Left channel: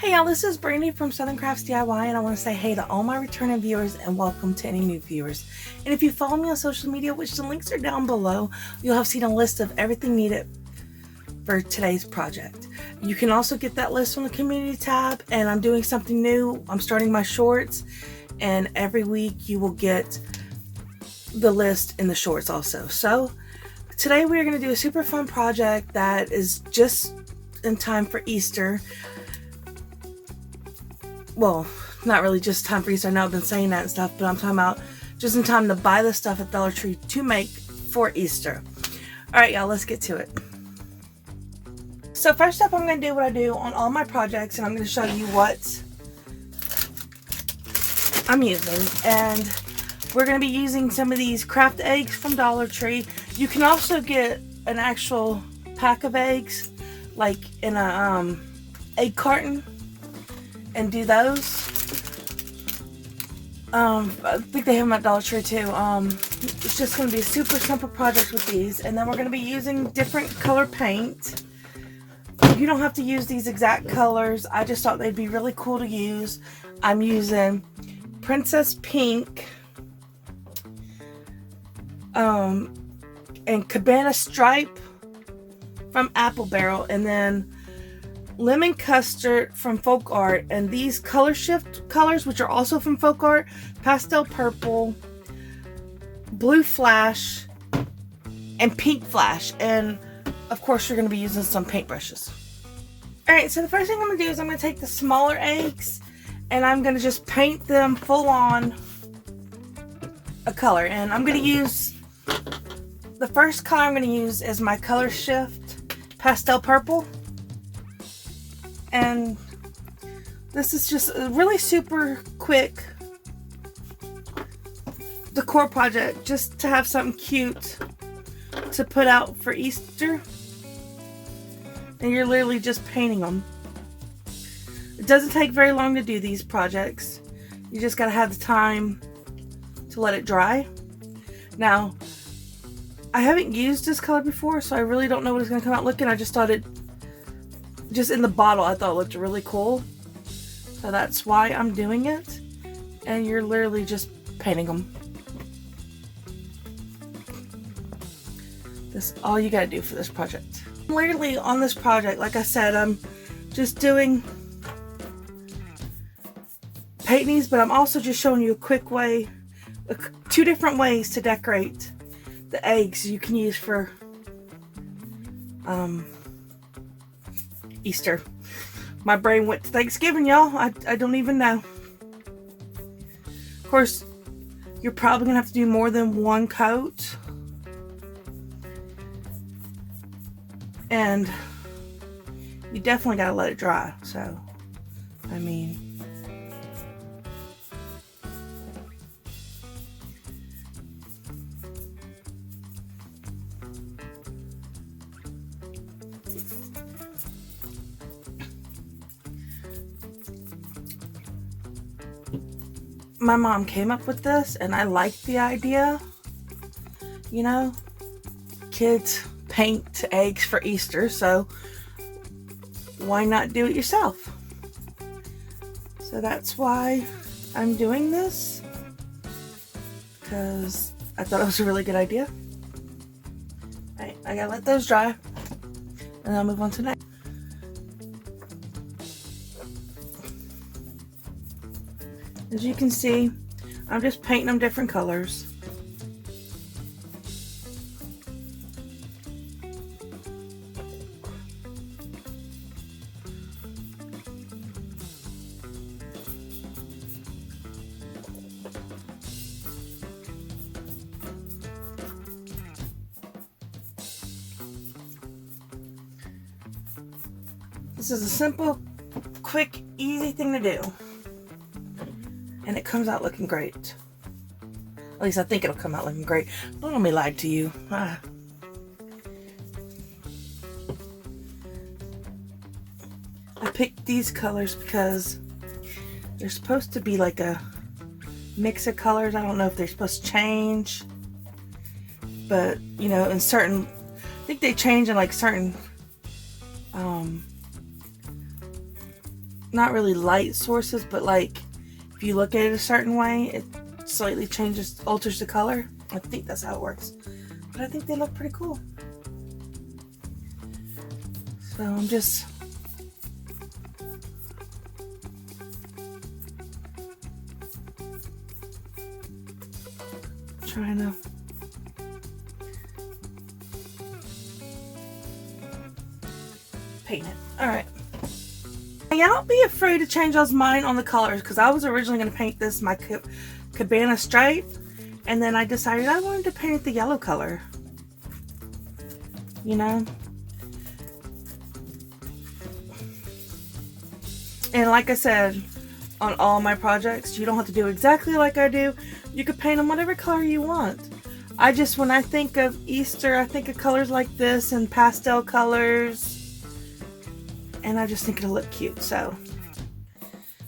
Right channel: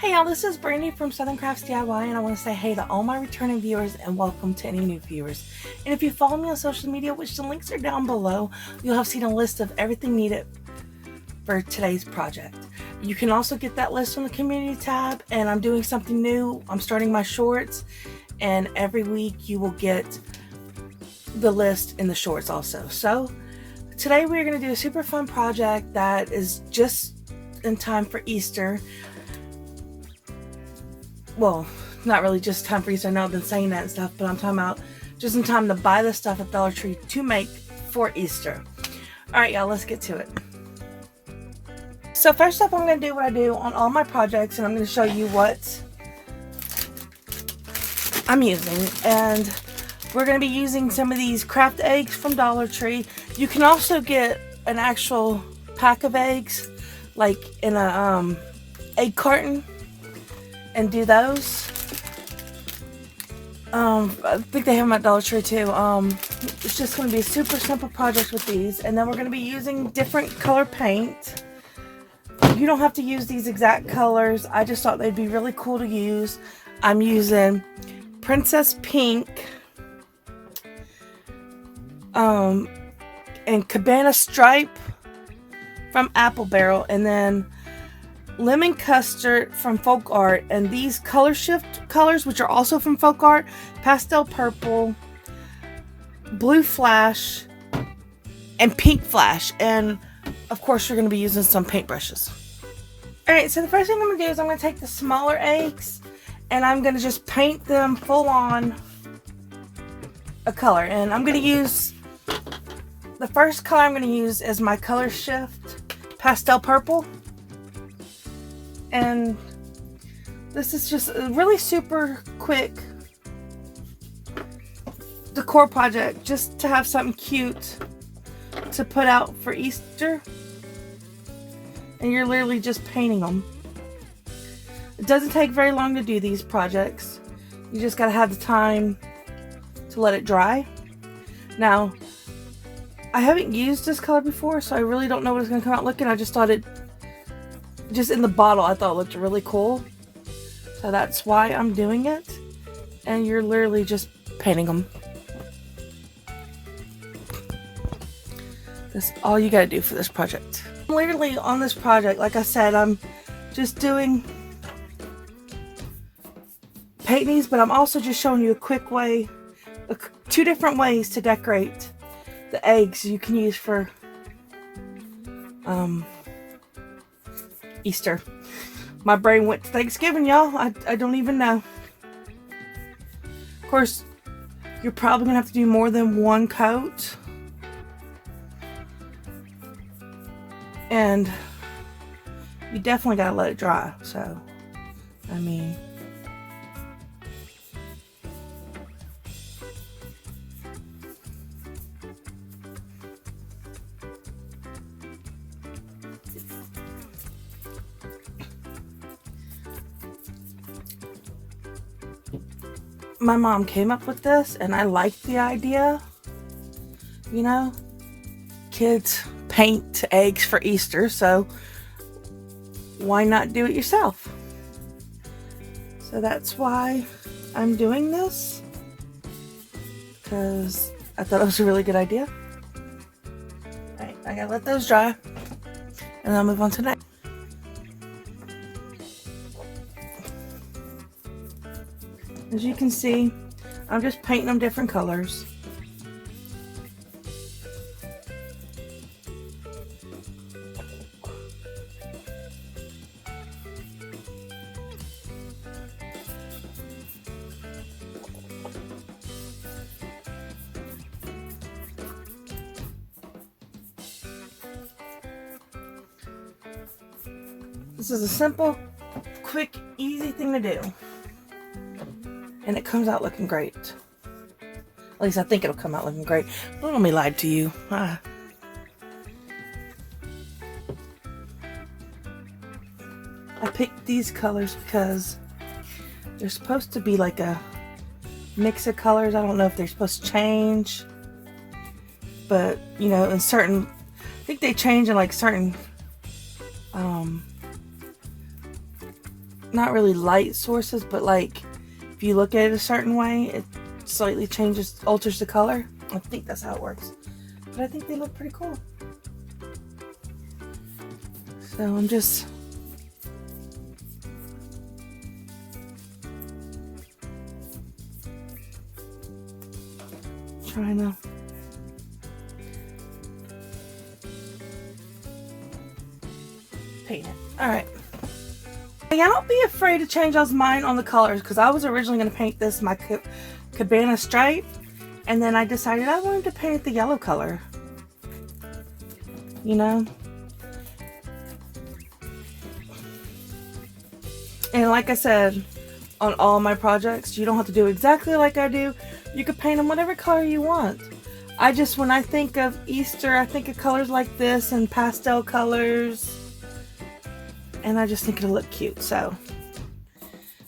Hey y'all, this is Brandy from Southern Crafts DIY, and I want to say hey to all my returning viewers and welcome to any new viewers. And if you follow me on social media, which the links are down below, you'll have seen a list of everything needed for today's project. You can also get that list on the community tab, and I'm doing something new. I'm starting my shorts, and every week you will get the list in the shorts also. So today we're going to do a super fun project that is just in time for Easter. Well, not really just time for Easter. I know I've been saying that and stuff, but I'm talking about just in time to buy the stuff at Dollar Tree to make for Easter. Alright y'all, let's get to it. So first up, I'm going to do what I do on all my projects, and I'm going to show you what I'm using. And we're going to be using some of these craft eggs from Dollar Tree. You can also get an actual pack of eggs, like in a egg carton, and do those. I think they have them at Dollar Tree too. It's just going to be a super simple project with these, and then we're going to be using different color paint. You don't have to use these exact colors. I just thought they'd be really cool to use. I'm using Princess Pink and Cabana Stripe from Apple Barrel, and then Lemon Custard from Folk Art, and these color shift colors, which are also from Folk Art, Pastel Purple, Blue Flash, and Pink Flash. And of course we're going to be using some paintbrushes. Alright, so the first thing I'm going to do is I'm going to take the smaller eggs and I'm going to just paint them full on a color. And I'm going to use, the first color I'm going to use is my Color Shift Pastel Purple. And this is just a really super quick decor project, just to have something cute to put out for Easter. And you're literally just painting them. It doesn't take very long to do these projects. You just gotta have the time to let it dry. Now, I haven't used this color before, so I really don't know what it's gonna come out looking. I just thought it, just in the bottle, I thought it looked really cool. So that's why I'm doing it. And you're literally just painting them. That's all you gotta do for this project. Literally on this project, like I said, I'm just doing paint these, but I'm also just showing you a quick way, two different ways to decorate the eggs you can use for Easter. My brain went to Thanksgiving, y'all. I don't even know. Of course, you're probably gonna have to do more than one coat. And you definitely gotta let it dry. So, I mean, my mom came up with this, and I liked the idea. You know, kids paint eggs for Easter, so why not do it yourself? So that's why I'm doing this, because I thought it was a really good idea. Alright, I gotta let those dry, and then I'll move on to the next. As you can see, I'm just painting them different colors. This is a simple, quick, easy thing to do. And it comes out looking great. At least I think it'll come out looking great. Don't let me lie to you. I picked these colors because they're supposed to be like a mix of colors. I don't know if they're supposed to change. But, you know, in certain, I think they change in like certain not really light sources, but like if you look at it a certain way, it slightly alters the color. I think that's how it works. But I think they look pretty cool. So I'm just trying to paint it. Alright. Don't be afraid to change y'all's mind on the colors, because I was originally going to paint this my Cabana stripe, and then I decided I wanted to paint it the yellow color. You know? And like I said, on all my projects, you don't have to do exactly like I do. You could paint them whatever color you want. When I think of Easter, I think of colors like this and pastel colors. And I just think it'll look cute, so.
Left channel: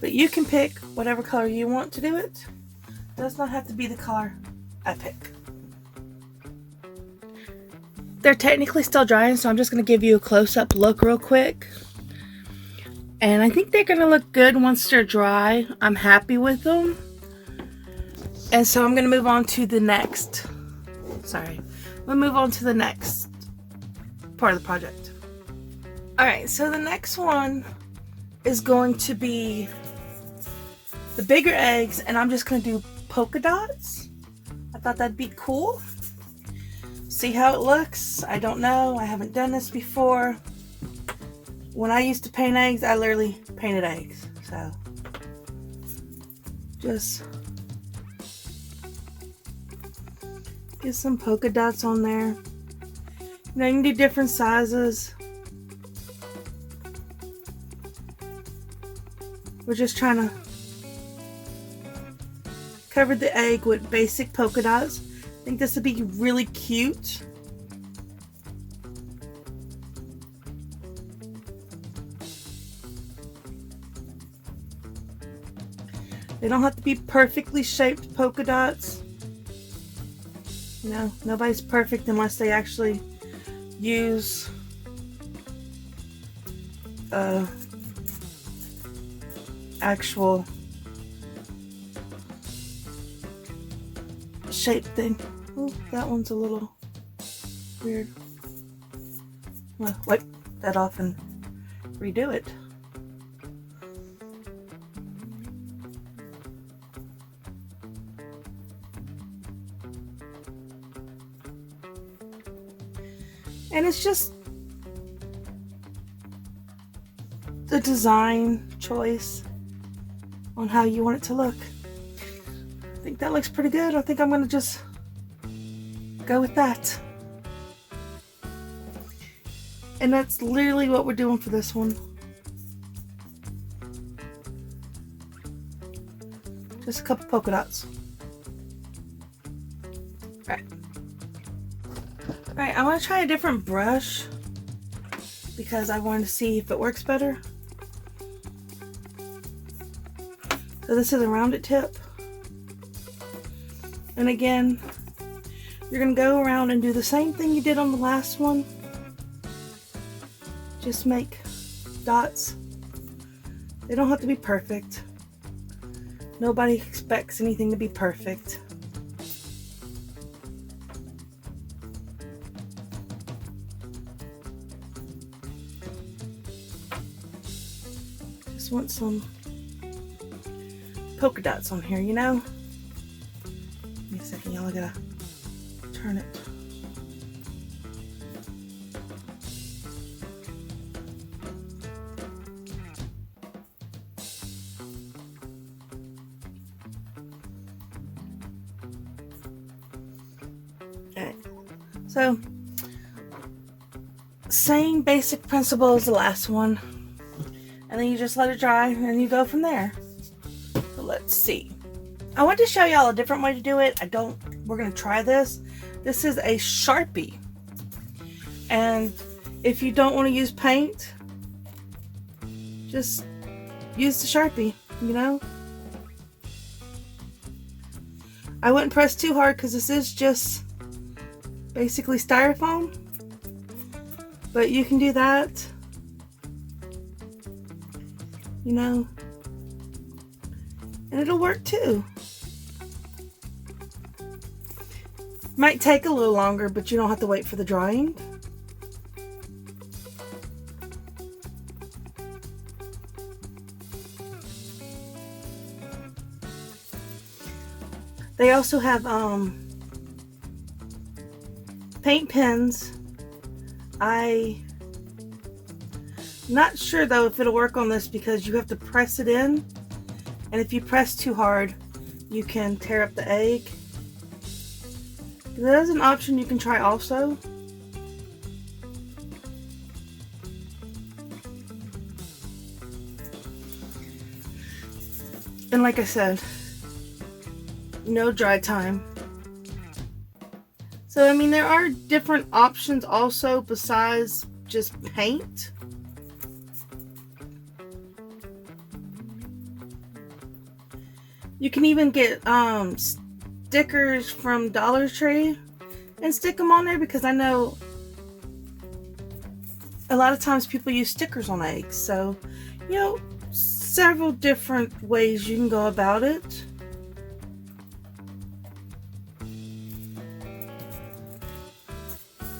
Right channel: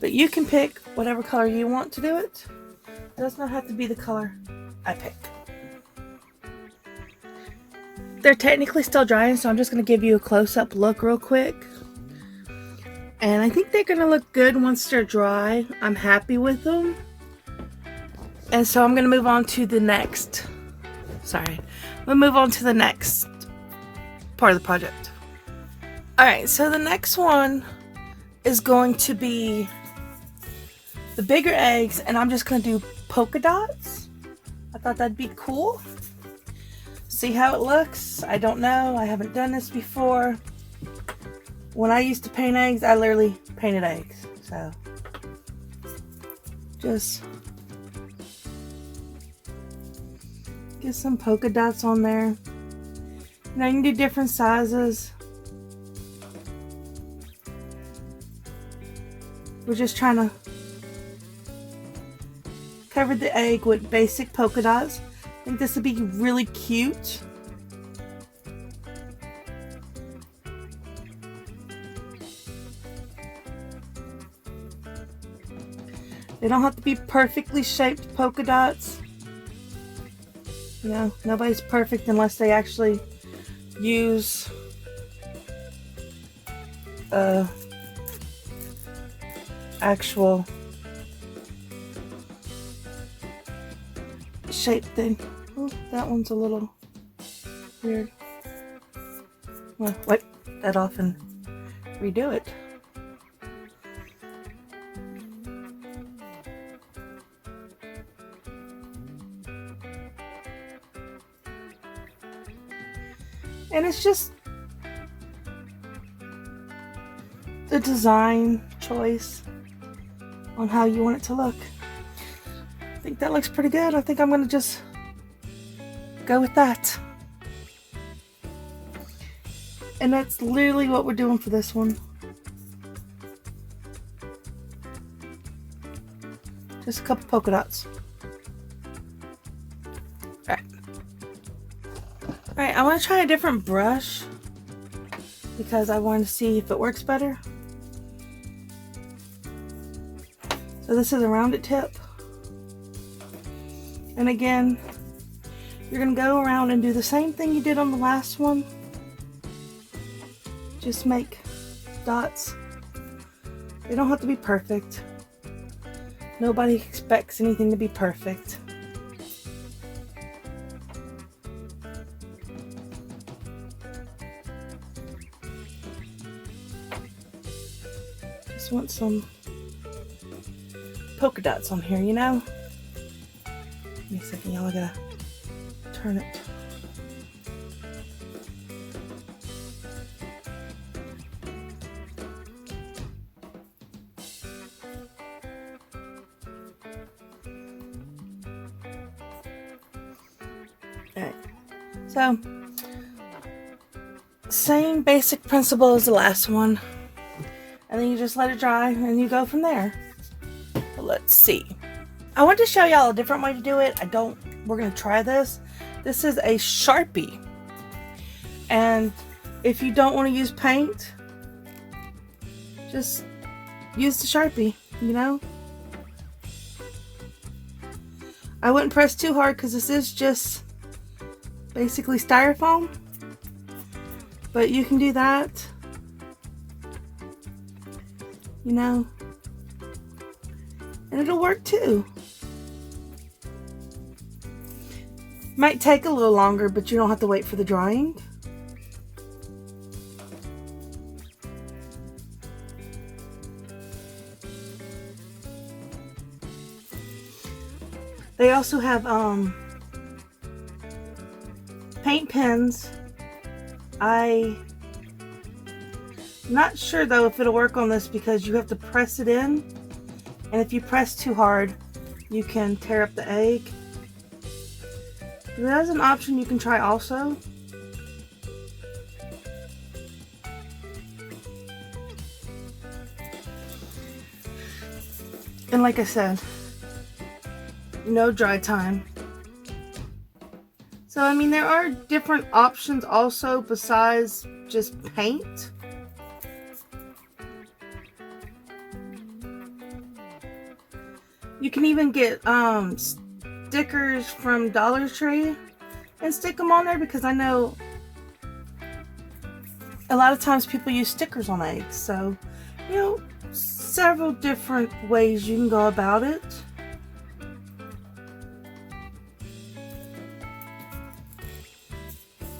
But you can pick whatever color you want to do it. It does not have to be the color I pick. They're technically still drying, so I'm just going to give you a close-up look real quick. And I think they're going to look good once they're dry. I'm happy with them. And so I'm going to move on to the next. We'll move on to the next part of the project. Alright, so the next one is going to be the bigger eggs, and I'm just going to do polka dots. I thought that'd be cool. See how it looks? I don't know. I haven't done this before. When I used to paint eggs, I literally painted eggs. So, just get some polka dots on there. Now you can do different sizes. We're just trying to cover the egg with basic polka dots. I think this would be really cute. They don't have to be perfectly shaped polka dots. You know, nobody's perfect unless they actually use actual shape thing. Oh, that one's a little weird. Well, wipe that off and redo it. And it's just the design choice on how you want it to look. I think that looks pretty good. I think I'm going to just go with that. And that's literally what we're doing for this one. Just a couple polka dots. Alright. Alright, I want to try a different brush because I wanted to see if it works better. So this is a rounded tip. And again, you're going to go around and do the same thing you did on the last one. Just make dots. They don't have to be perfect. Nobody expects anything to be perfect. Just want some polka dots on here, you know? Give me a second, y'all. I gotta turn it. Alright, so same basic principle as the last one, and then you just let it dry and you go from there. But let's see. I want to show y'all a different way to do it. We're gonna try this. This is a Sharpie, and if you don't want to use paint, just use the Sharpie, you know? I wouldn't press too hard because this is just basically styrofoam, but you can do that. you know, and it'll work too. Might take a little longer, but you don't have to wait for the drying. They also have paint pens. I'm not sure though if it'll work on this because you have to press it in, and if you press too hard you can tear up the egg. There's an option you can try also. And like I said, no dry time. So I mean, there are different options also besides just paint. You can even get stickers from Dollar Tree and stick them on there, because I know a lot of times people use stickers on eggs. So, you know, several different ways you can go about it.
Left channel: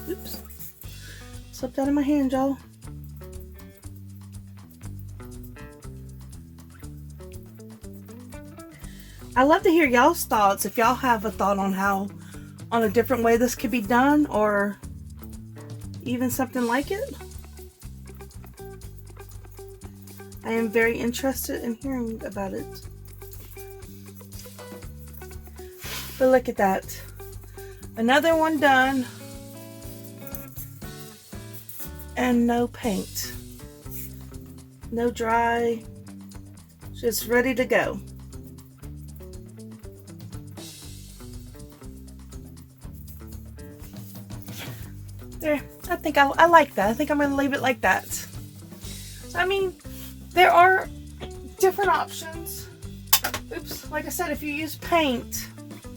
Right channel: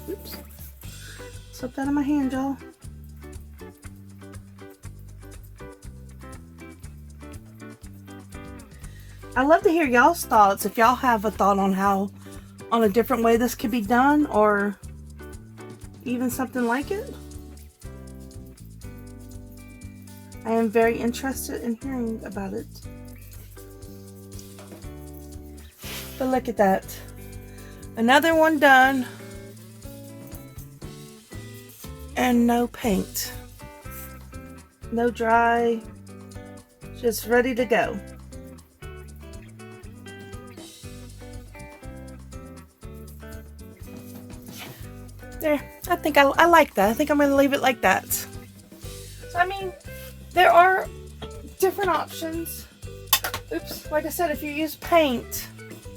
Oops, slipped out of my hand, y'all. I'd love to hear y'all's thoughts, if y'all have a thought on a different way this could be done, or even something like it. I am very interested in hearing about it. But look at that. Another one done. And no paint. No dry. Just ready to go. There, I think I like that. I think I'm going to leave it like that. So, I mean, there are different options. Oops, like I said, if you use paint,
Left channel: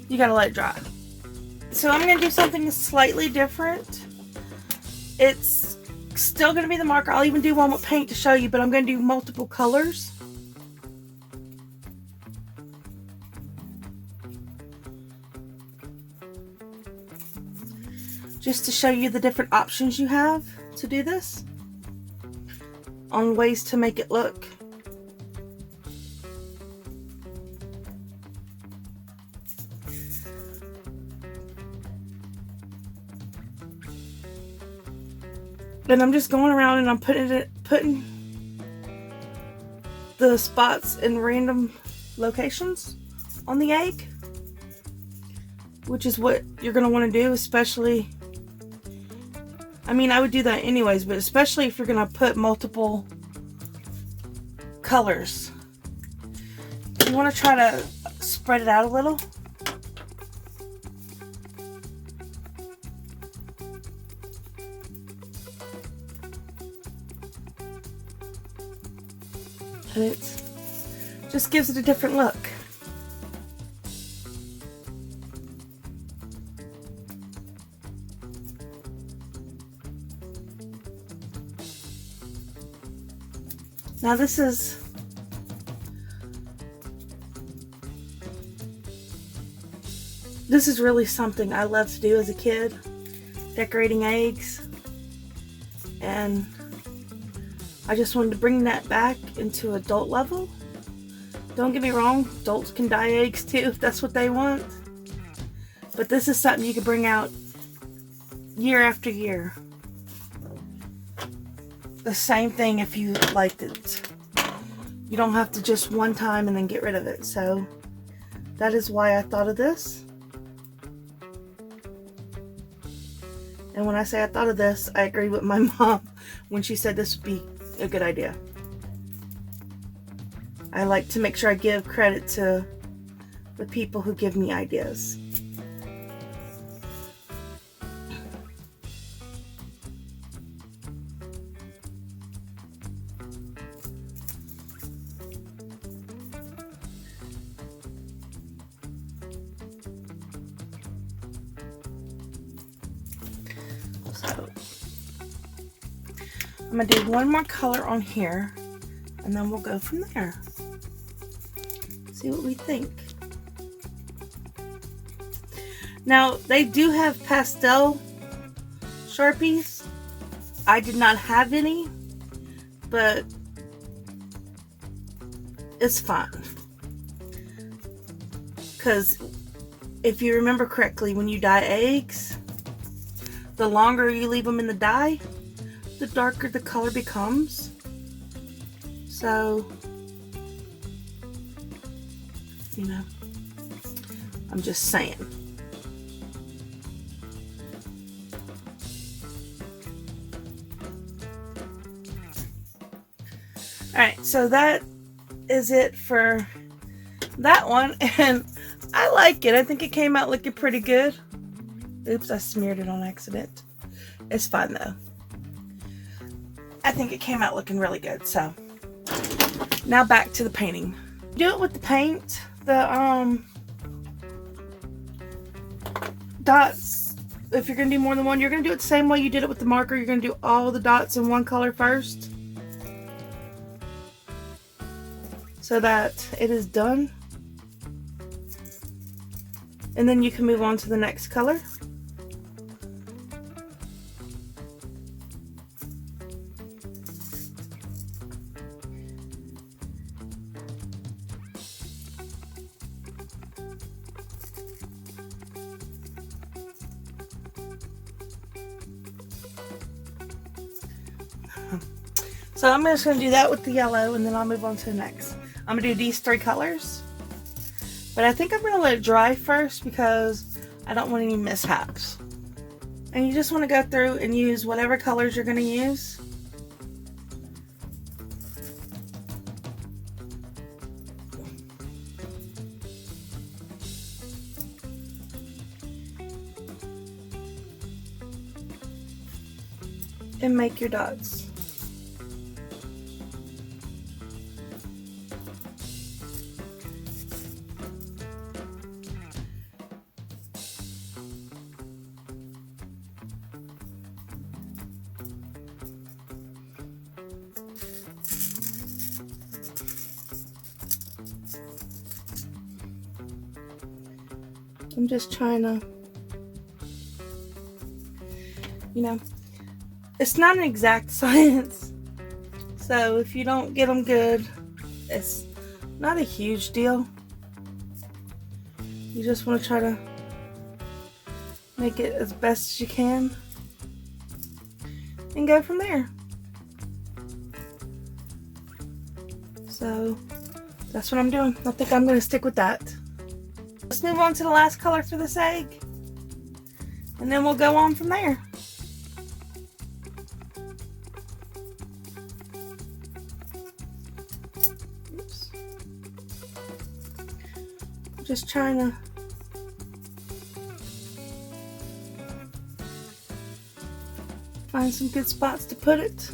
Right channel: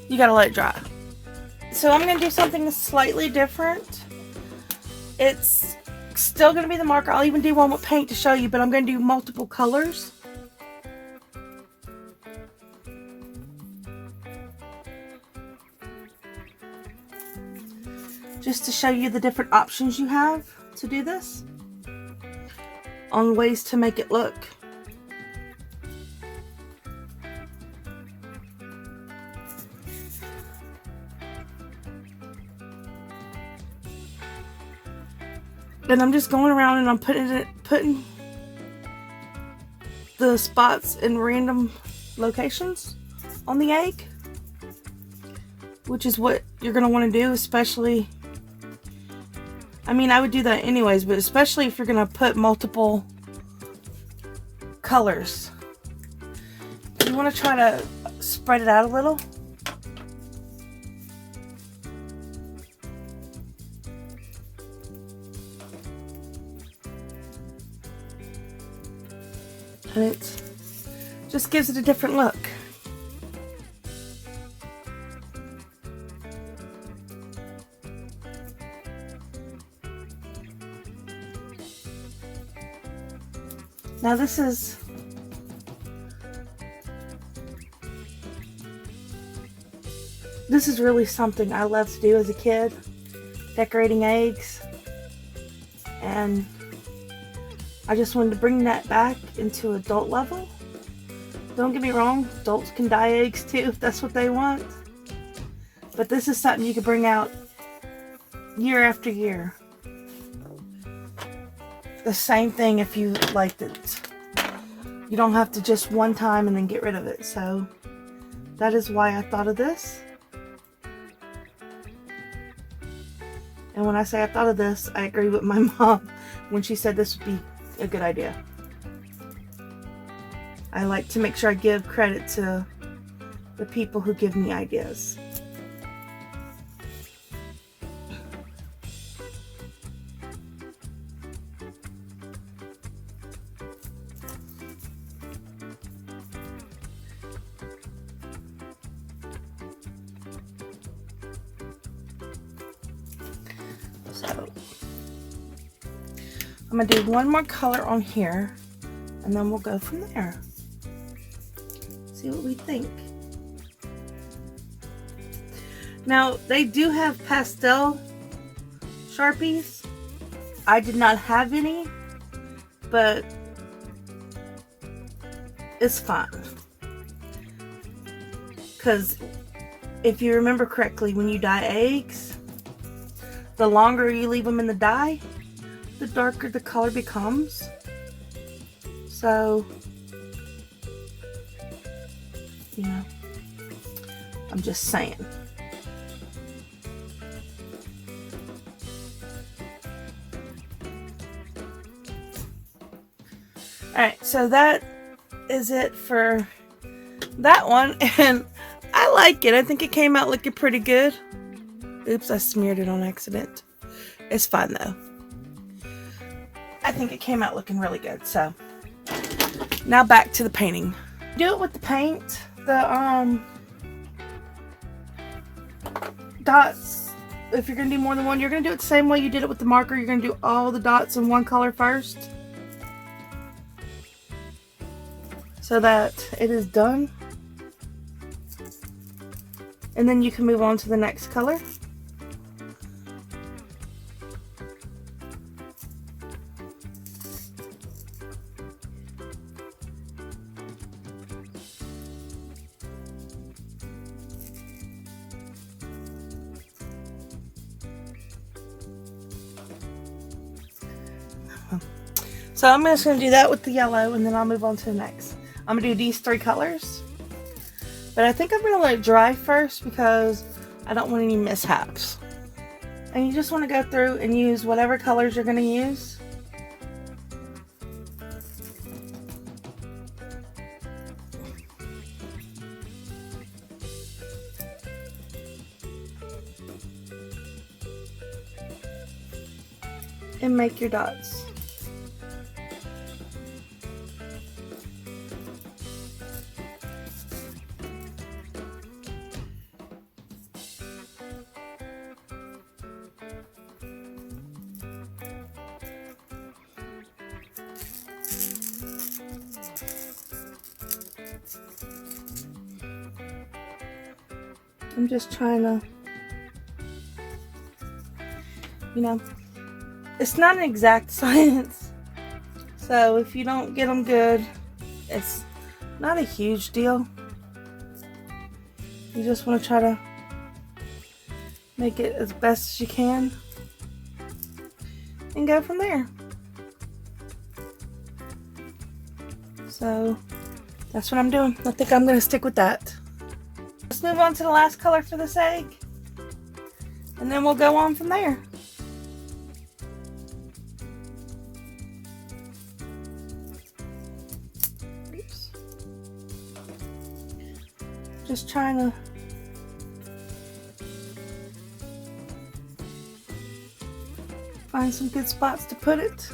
you got to let it dry. So I'm going to do something slightly different. It's still going to be the marker. I'll even do one with paint to show you, but I'm going to do multiple colors. Just to show you the different options you have to do this, on ways to make it look. And I'm just going around and I'm putting the spots in random locations on the egg, which is what you're going to want to do, especially, I mean, I would do that anyways, but especially if you're going to put multiple colors. You want to try to spread it out a little. And it just gives it a different look. Now this is really something I loved to do as a kid, decorating eggs, and I just wanted to bring that back into adult level. Don't get me wrong, adults can dye eggs too if that's what they want, but this is something you can bring out year after year. The same thing if you liked it. You don't have to just one time and then get rid of it. So that is why I thought of this. And when I say I thought of this, I agree with my mom when she said this would be a good idea. I like to make sure I give credit to the people who give me ideas. So I'm going to do one more color on here, and then we'll go from there. See what we think. Now, they do have pastel Sharpies. I did not have any, but it's fine. Because if you remember correctly, when you dye eggs, the longer you leave them in the dye, the darker the color becomes. So, you know, I'm just saying. Alright, so that is it for that one, and I like it. I think it came out looking pretty good. Oops, I smeared it on accident. It's fine though. I think it came out looking really good. So now back to the painting. Do it with the paint, the dots. If you're gonna do more than one, you're gonna do it the same way you did it with the marker. You're gonna do all the dots in one color first, so that it is done. And then you can move on to the next color. So I'm just going to do that with the yellow, and then I'll move on to the next. I'm going to do these 3 colors. But I think I'm going to let it dry first because I don't want any mishaps. And you just want to go through and use whatever colors you're going to use. And make your dots. I'm just trying to, you know, it's not an exact science. So if you don't get them good, it's not a huge deal. You just want to try to make it as best as you can and go from there. So that's what I'm doing. I think I'm going to stick with that. Let's move on to the last color for this egg, and then we'll go on from there. Oops. Just trying to find some good spots to put it.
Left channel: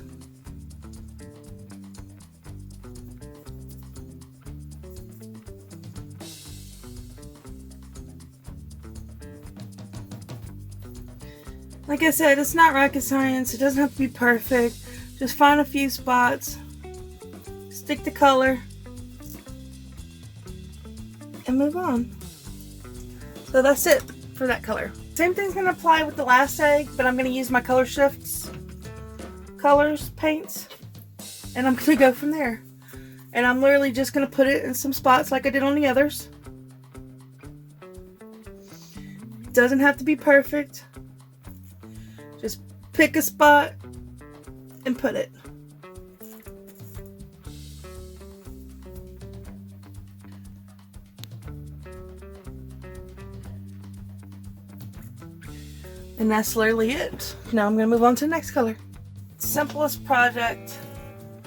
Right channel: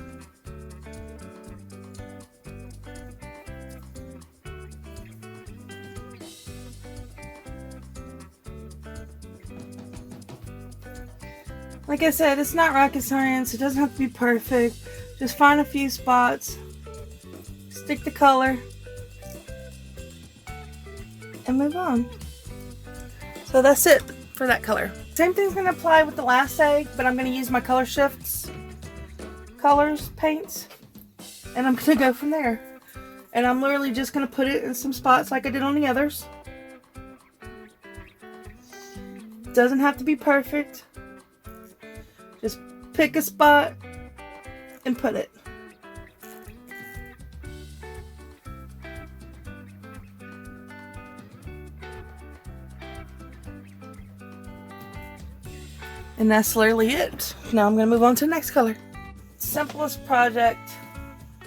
Like I said, it's not rocket science. It doesn't have to be perfect. Just find a few spots, stick the color, and move on. So that's it for that color. Same thing's going to apply with the last egg, but I'm going to use my Color Shifts colors, paints, and I'm going to go from there. And I'm literally just going to put it in some spots like I did on the others. Doesn't have to be perfect. Just pick a spot and put it. And that's literally it. Now I'm going to move on to the next color. Simplest project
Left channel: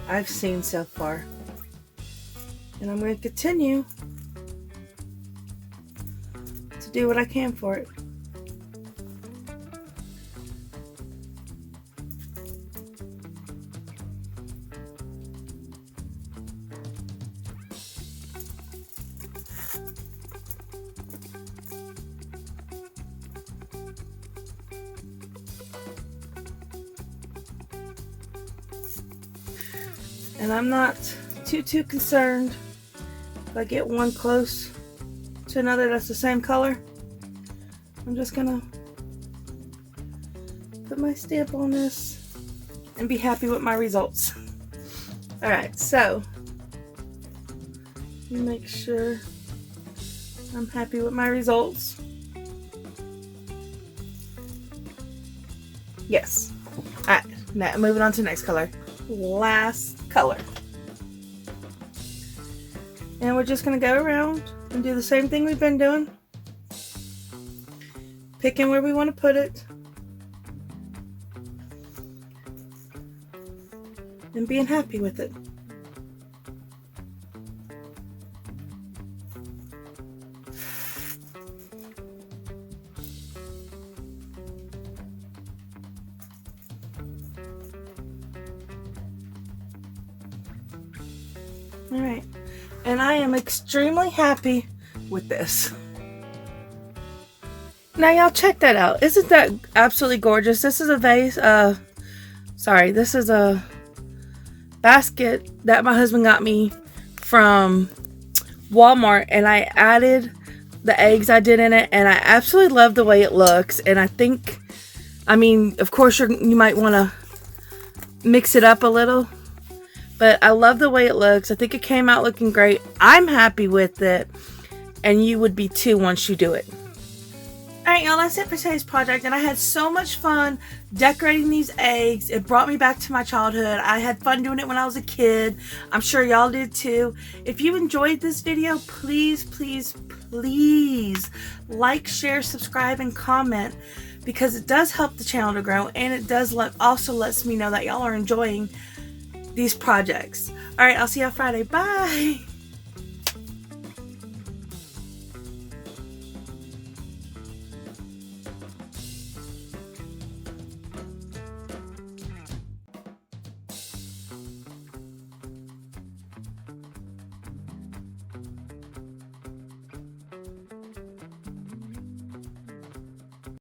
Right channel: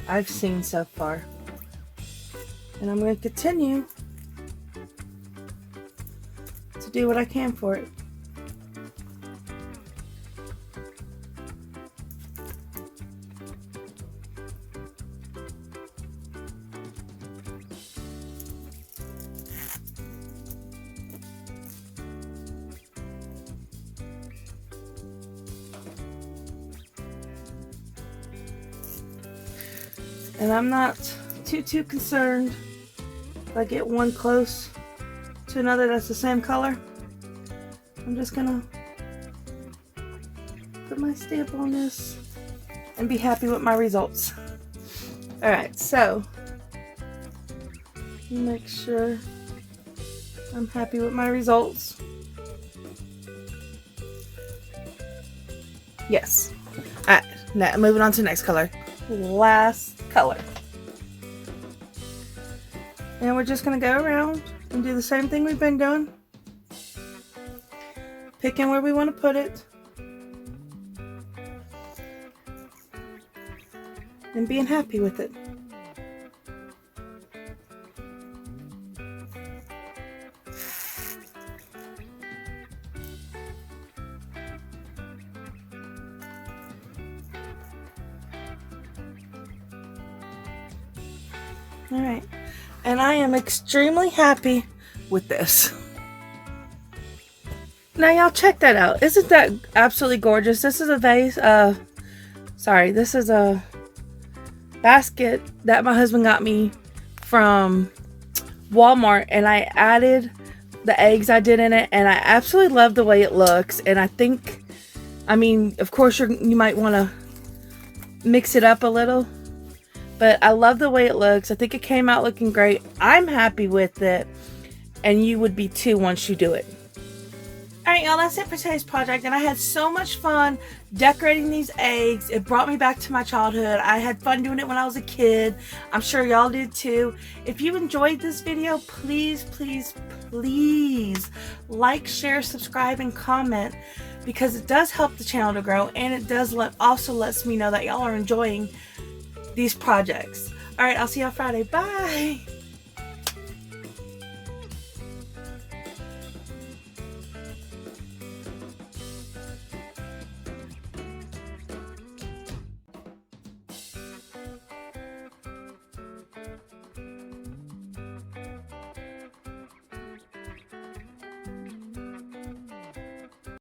I've seen so far. And I'm going to continue to do what I can for it. And I'm not too concerned if I get one close to another that's the same color. I'm just gonna put my stamp on this and be happy with my results. Alright, so make sure I'm happy with my results. Yes. Alright, now moving on to the next color. Last color. And we're just going to go around and do the same thing we've been doing. Picking where we want to put it. And being happy with it. Alright, and I am extremely happy with this. Now y'all check that out. Isn't that absolutely gorgeous? This is a vase, this is a basket that my husband got me from Walmart, and I added the eggs I did in it, and I absolutely love the way it looks. And I think, I mean, of course you might want to mix it up a little, but I love the way it looks. I think it came out looking great. I'm happy with it, and you would be too once you do it. Alright y'all, that's it for today's project, and I had so much fun decorating these eggs. It brought me back to my childhood. I had fun doing it when I was a kid. I'm sure y'all did too. If you enjoyed this video, please, please, please like, share, subscribe, and comment, because it does help the channel to grow, and it does also lets me know that y'all are enjoying these projects. Alright, I'll see y'all Friday. Bye!